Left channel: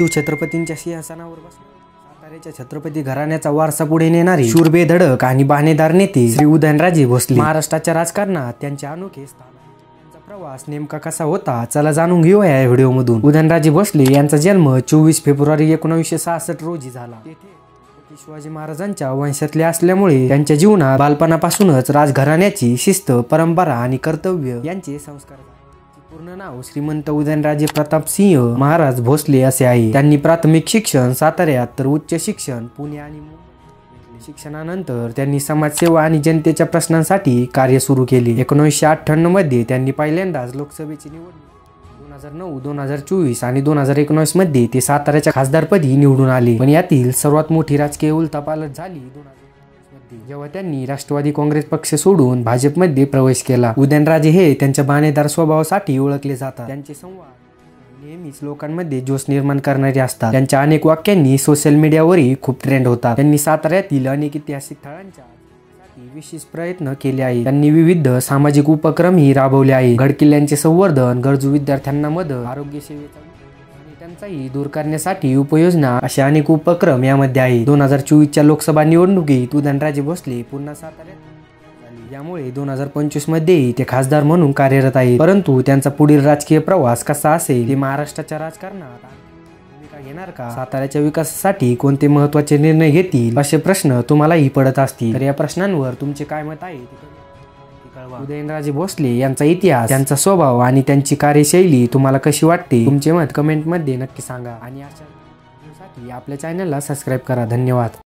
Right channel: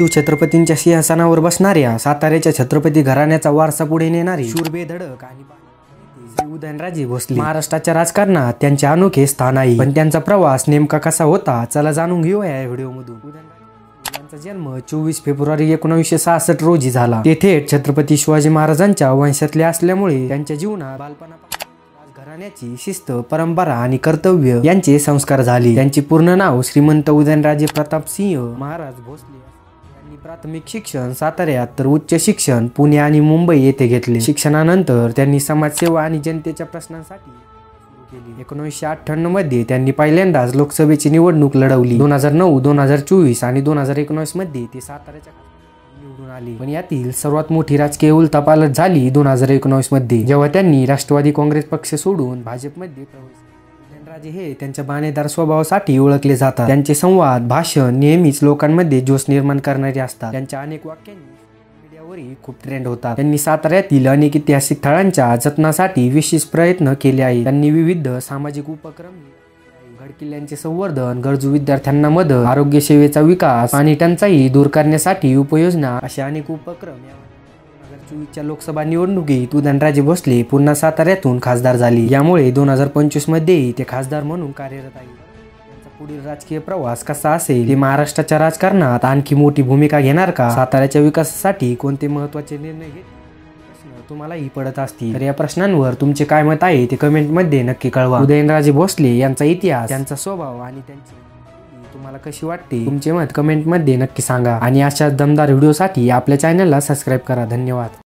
शिवछत्रपतींच्या सिंहासनावर बसणाऱ्या साताऱ्याच्या छत्रपती घराण्याचा वारसा पुढे नेणारे शूरबे धडक आणि बाणेदार नेते श्री उदयनराजे भोसले महाराष्ट्राच्या राजकारणात त्यांचे अनोखे स्थान आहे। पण त्यांचा प्रवास नेमका कसा होता चला जाणून घेऊया या व्हिडिओ मधून। उदयनराजे भोसले यांचा जन्म 24 फेब्रुवारी 1966 रोजी झाला। ते थेट छत्रपती शिवाजी महाराजांच्या वंशातले असल्यामुळे त्यांच्या जीवनात बालपणापासूनच राजघराण्याची शिस्त, परंपरा आणि कर्तव्य यांचे संस्कार झाले। त्यांचे पूर्ण नाव श्रीमंत उदयनराजे प्रताप सिंह महाराज भोसले असे आहे। त्यांनी प्राथमिक शिक्षण साताऱ्यात तर उच्च शिक्षण पुणे आणि मुंबई येथे घेतले। शिक्षणानंतर त्यांनी समाजसेवा आणि जनतेच्या प्रश्नांसाठी कार्य सुरू केले। 1998 मध्ये त्यांनी पहिल्यांदाच लोकसभेची निवडणूक लढवली। 2009, 2024 आणि 2019 मध्ये ते साताऱ्याच्या खासदारपदी निवडून आले। पण यातील सर्वात मोठी राजकीय उलथापालट झाली 2019 मध्ये, जेव्हा त्यांनी राष्ट्रवादी काँग्रेस पक्ष सोडून भाजपमध्ये प्रवेश केला। उदयनराजे हे त्यांच्या बाणेदार स्वभावासाठी ओळखले जातात। त्यांचे संवाद, भाषण नेहमीच लोकांमध्ये जोश निर्माण करणारे असतात। त्यांच्या अनेक वाक्यांनी सोशल मीडियावरही खूप ट्रेंड होतात। त्यांनी साताऱ्यातील अनेक ऐतिहासिक स्थळांच्या जतनासाठी विशेष प्रयत्न केले आहेत। त्यांनी विविध सामाजिक उपक्रमही राबवले आहेत। गडकिल्ल्यांचे संवर्धन, गरजू विद्यार्थ्यांना मदत, आरोग्य सेवेचा विकास, पाणी टंचाई दूर करण्यासाठी उपाययोजना असे अनेक उपक्रम यामध्ये आहेत। 2024च्या लोकसभा निवडणुकीत उदयनराजे भोसले पुन्हा साताऱ्यातून खासदार झाले। यामुळे 2025 मध्येही ते खासदार म्हणून कार्यरत आहेत। परंतु त्यांचा पुढील राजकीय प्रवास कसा असेल, ते महाराष्ट्राच्या राजकारणात आणखी मोठी भूमिका घेणार का, साताऱ्याच्या विकासासाठी कोणते महत्त्वाचे निर्णय घेतील, असे प्रश्न तुम्हालाही पडत असतील। तर या प्रश्नांवर तुमचे काय मत आहे ते कमेंट मध्ये नक्की कळवा। उदयनराजे भोसले यांचा इतिहास, त्यांचा स्वभाव आणि त्यांची कार्यशैली तुम्हाला कशी वाटते, तुमचे मत कमेंट मध्ये नक्की सांगा। आणि अशा दमदार व्हिडिओसाठी आपल्या चॅनलला सबस्क्राइब करा। धन्यवाद।